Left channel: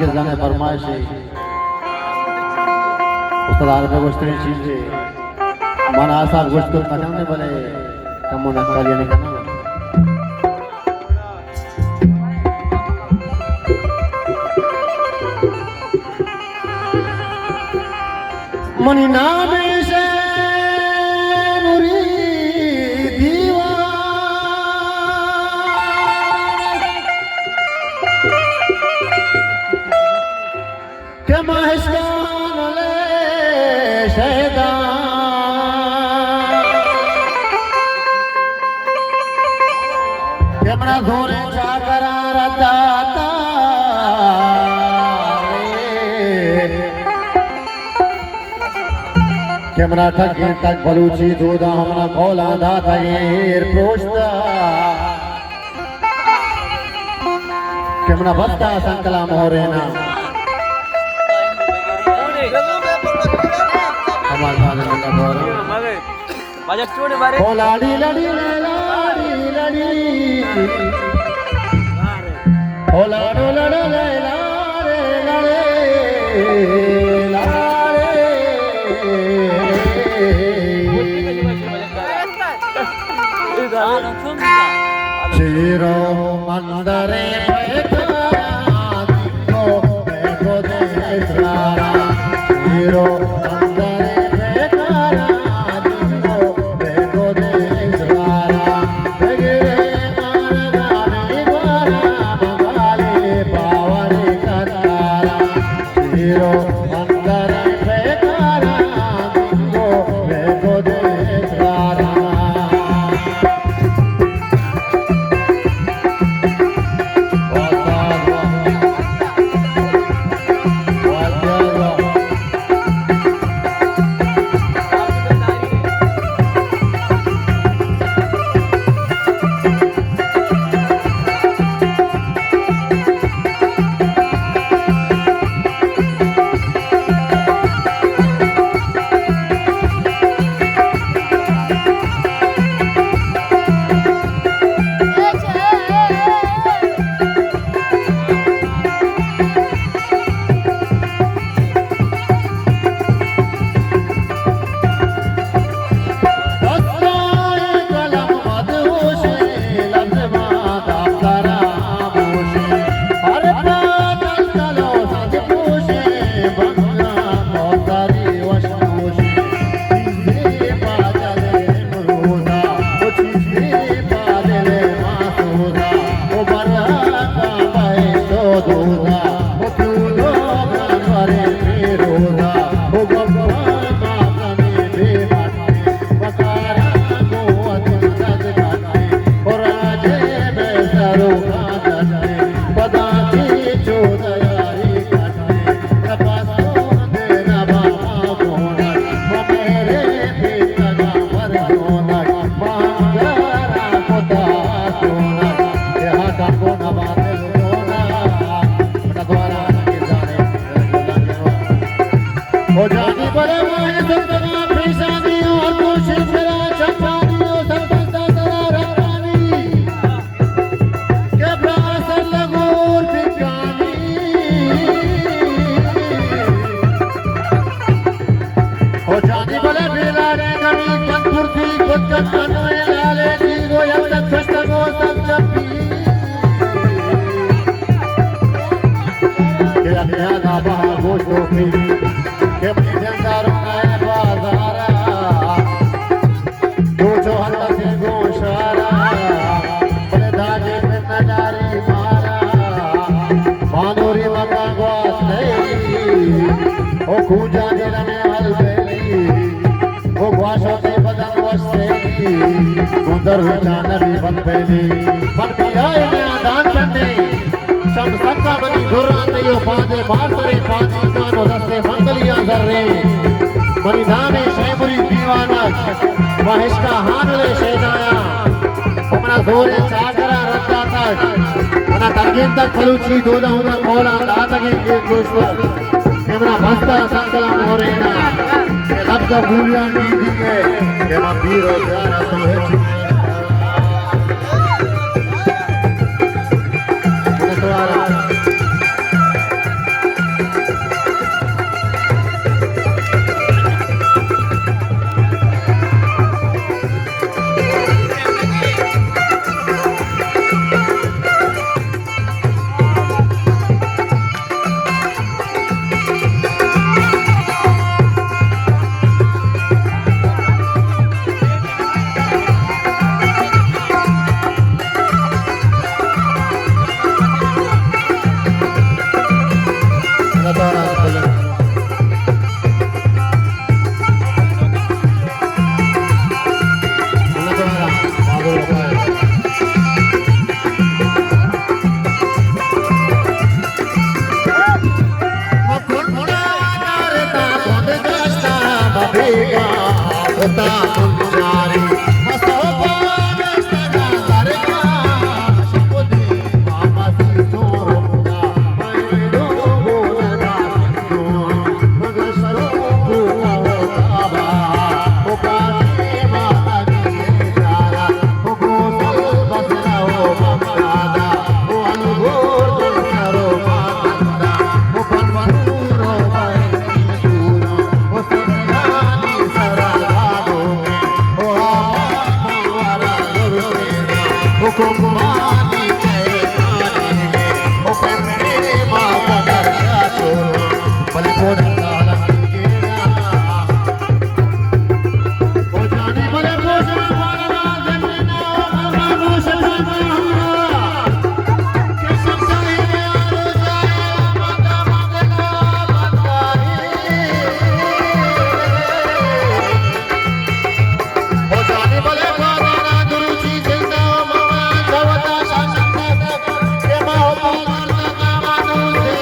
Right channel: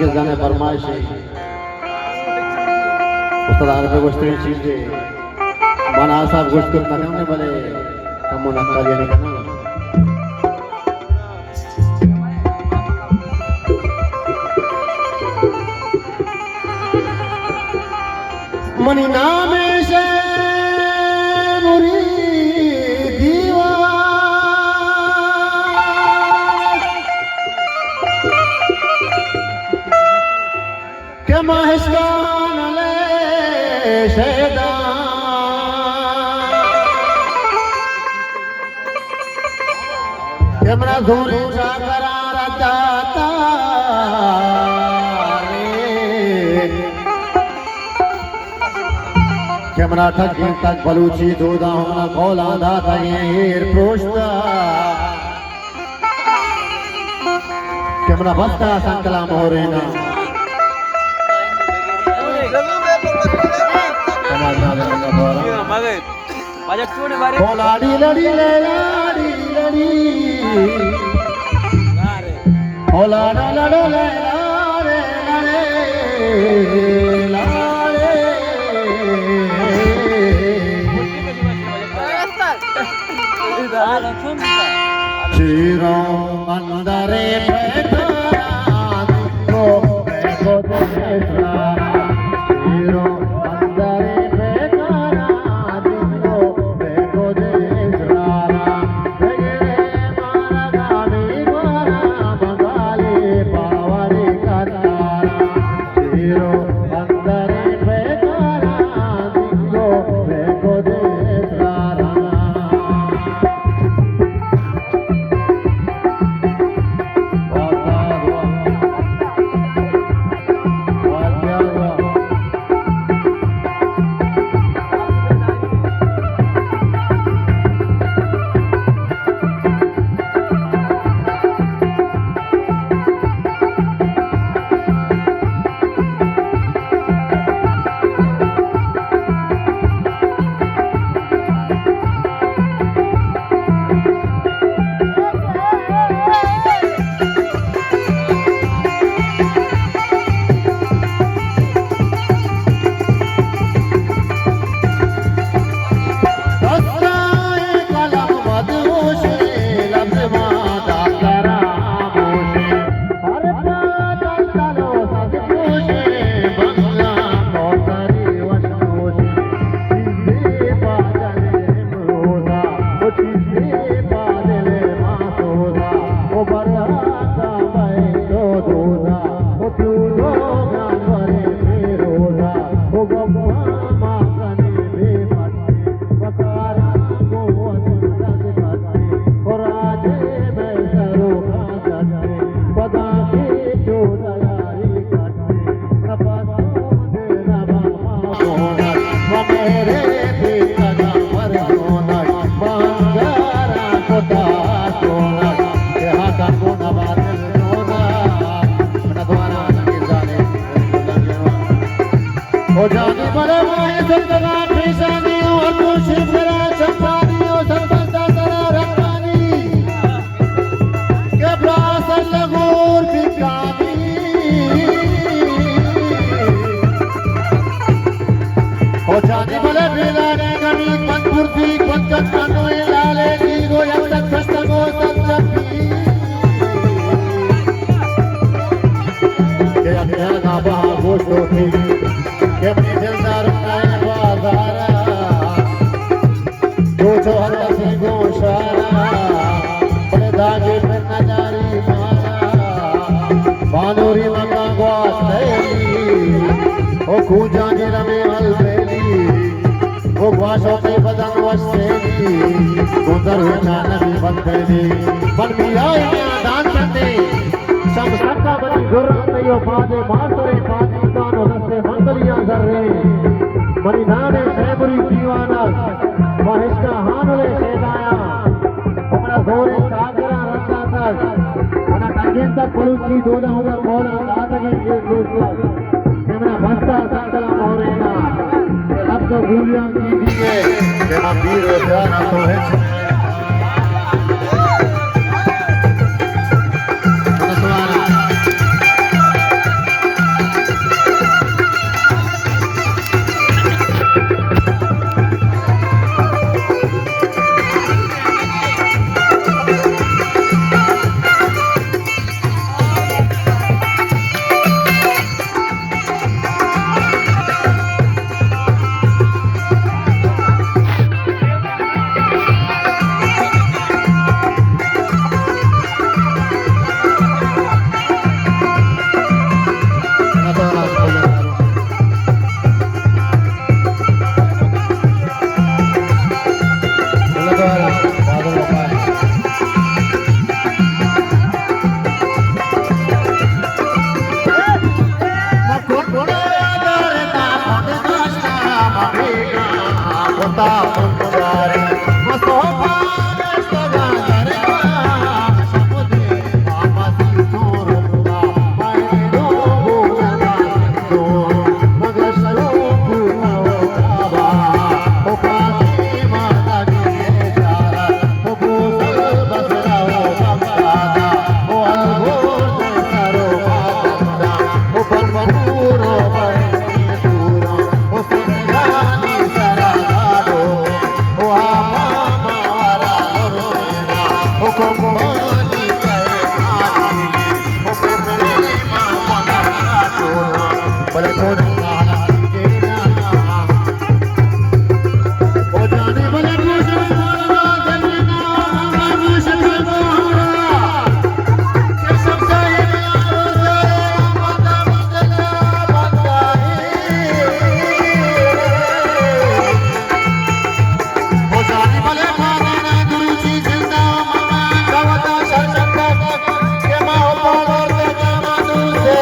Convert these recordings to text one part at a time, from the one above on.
मुस्तकिल जाने फरमाइश है उस्ताद आरबे गोश्ती चीज़े मन आसार गोश्त करना में भले कमों न करिए नहीं करना मनी नाम से मुरी के माहिस्कान ले शहदा के मरा धोने जाकरा रदाता के मरा ठगी तक बलूची दूधा हमना खोला दाता येर पोष्टा के मरा भत्ता संकला मोरेना बजट छोड़े बारे ओ लाड़ी लड़ी ले लाड़ी लड़ी ओ लाड़ा लड़ो ले लाड़े लड़े चीरो मंदरे बैठा दिखो बैठो देखा चीरो तक बलूची दूधा होगा खोला दाता के दोस्तों कैमरा बस्ता संकला मोरेना अब तो गुलियां दी है के मां वीर हो जाना तो है होता पुजारी मसोबा सगा दरगा शपदे आमासी तोरना मैं दो बोला तो मगर सरो पूरा बाबा ओ पासे माता के जारा ओ बोसा बसरा ओ बंगादा ओ अलगोर दे सरो माता ओ बनपूरा बंदी पूरा ओ सगानी सरा गाडो ओ मावारा गुरुना ओ कुर्बानी करे आनी ओ माता का छोरा भले को जाला के ओ जाने भले कोसा मारा जमीन मामा मोशन के सब जाए माता मंगला ओ जाने भले मारा गुरुजी जिंदा मामा खवता शासन के माओ पावर दे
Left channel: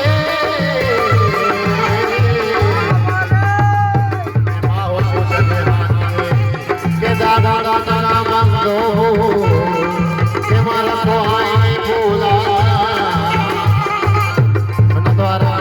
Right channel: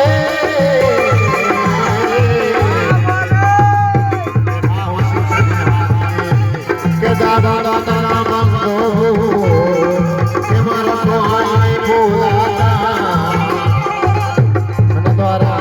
के दादा दादा मंगो के मारा कोहाई बोला नद्वारा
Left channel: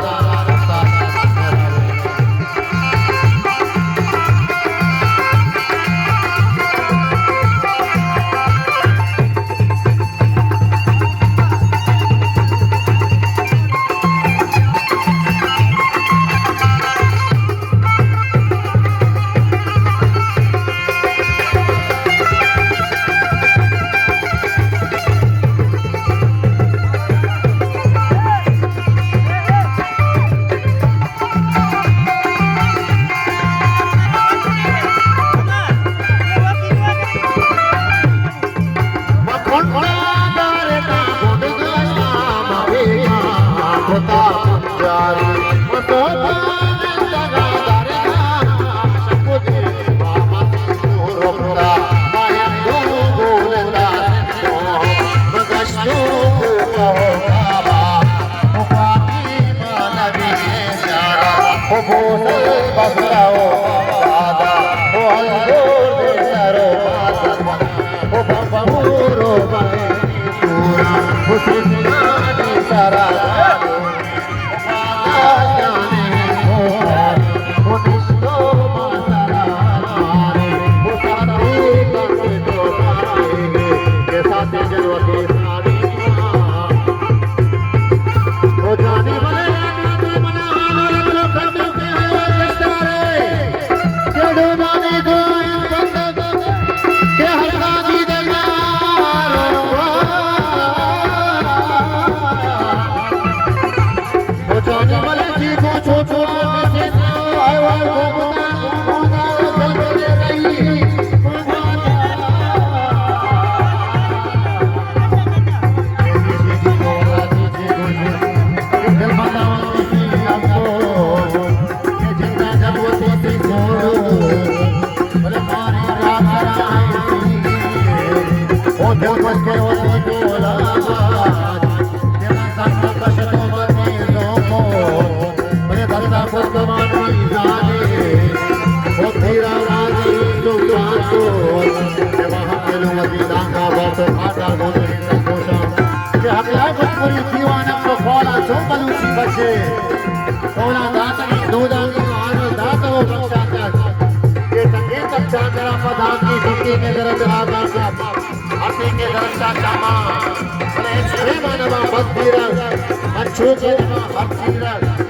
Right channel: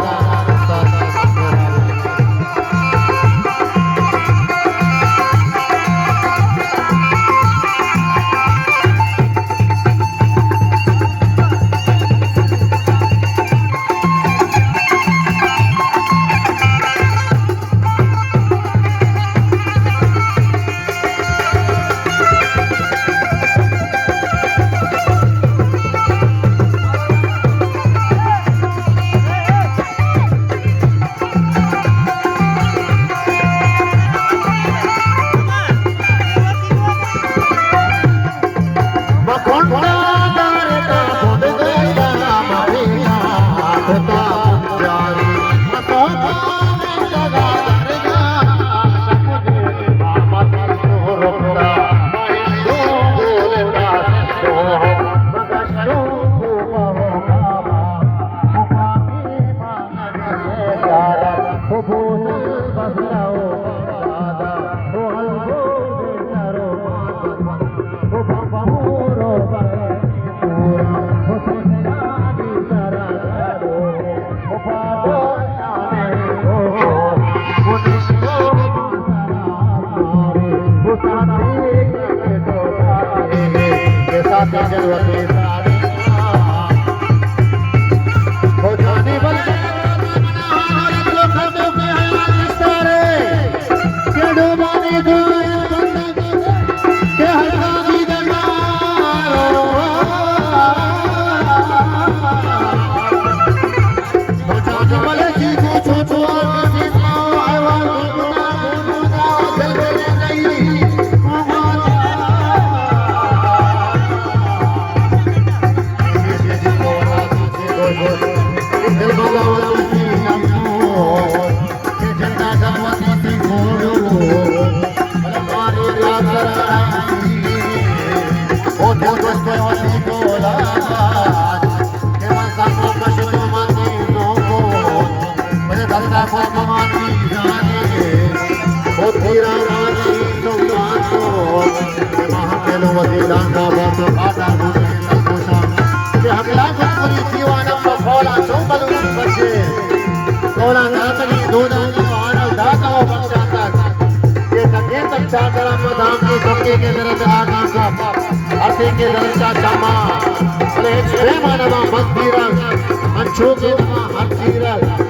Manchu ke nama hati